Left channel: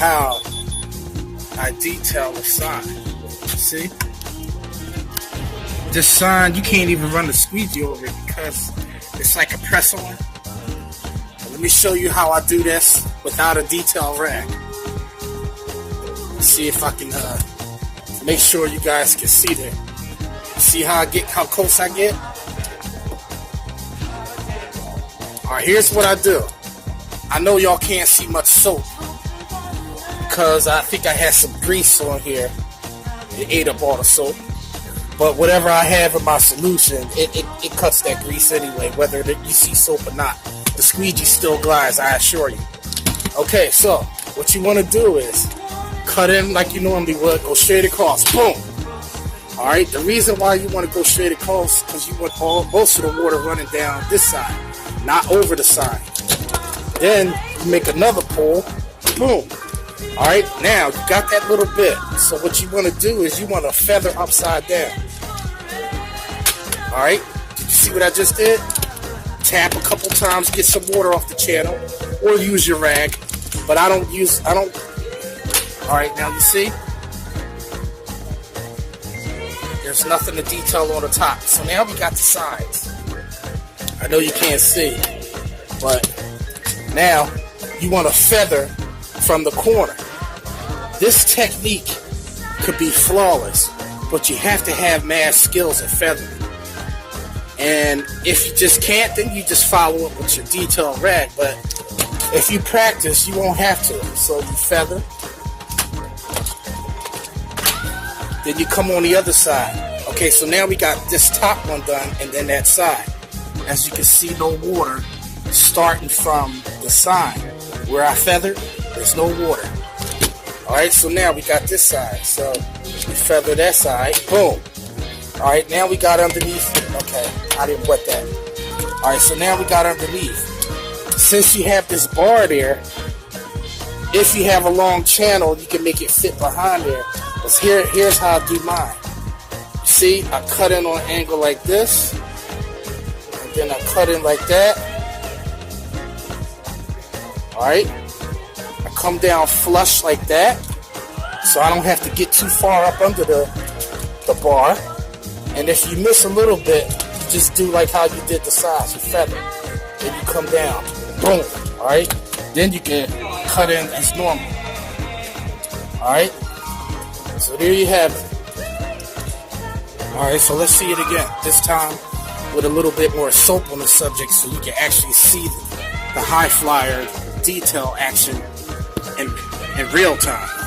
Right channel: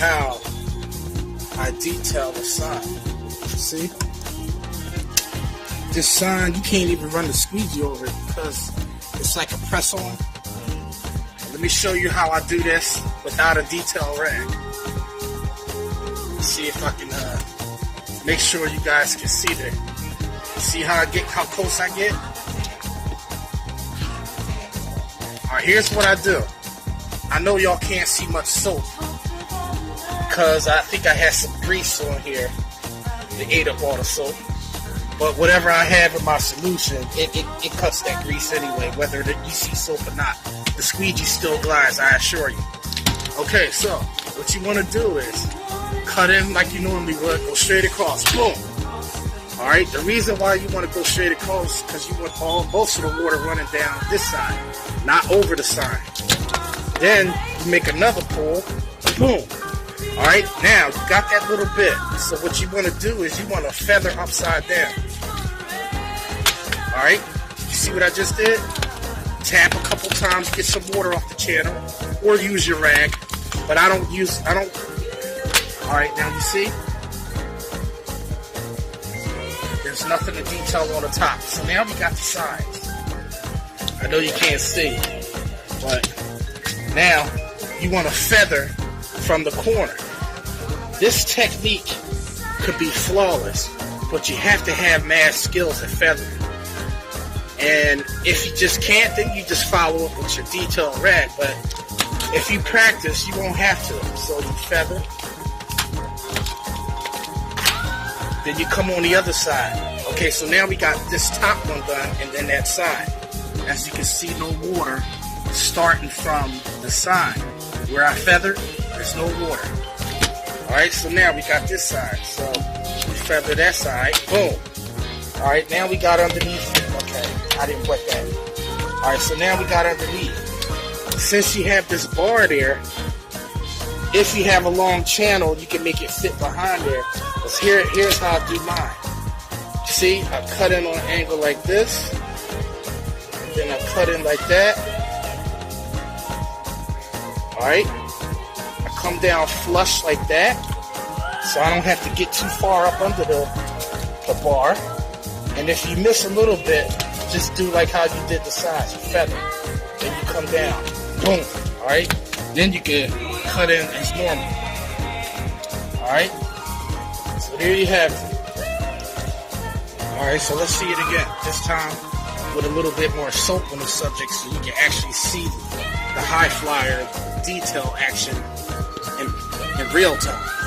how I detail the sign. See? This sign, you can't even run a squeegee over it because it's like a press on. Let me show you how I do this without a detail rag. Let's see if I can make sure you guys can see that. See how close I get? Alright, here's what I do. I know y'all can't see much soap because I think I had some grease on here that ate up all the soap. But whatever I have in my solution, it cuts that grease anyway, whether you see soap or not. The squeegee still glides, I assure you. Okay, so what you want to do is cut in like you normally would, go straight across. Boom! Alright, the reason why you want to go straight across is because you want most of the water running down this side, not over the side. Then you make another pull. Boom! Alright, now you got that little bit. So what you want to do is you want to feather upside down. Alright, see what I just did? Tap a couple times, get some water off the channel, or use your rag. But I don't. Alright, now you see? There's nothing to detail on the top. So now we got the sides. I know you can't see, but now you want to feather from the corner. This technique can be flawless, but you have to have mad skills at feathering. And if you just can't, then you just follow up with your detail rag. But if you practice, you won't have to. So you feather. Then you come on the other side. Okay, so now we got this top one done and then that side. As you can see, no water. Starting from the side where I feathered, there's no water. Alright, so now we got this side. So we feather that side. Boom. Alright, now we got underneath. Okay, I didn't wet that. Alright, so now we got underneath. Since you have this bar there, if you have a long channel, you can make it fit behind there. So here's how I do mine. See, I cut in on an angle like this. Then I cut in like that. Alright. I come down flush like that. So I don't have to get too far up under the bar. And if you miss a little bit, just do like how you did the sides. You feather. Then you come down. Boom. Alright. Then you can cut in as normal. Alright. So there you have it. Alright, so let's see it again. This time with a little bit more soap on the subject so you can actually see the high flyer detail action in real time.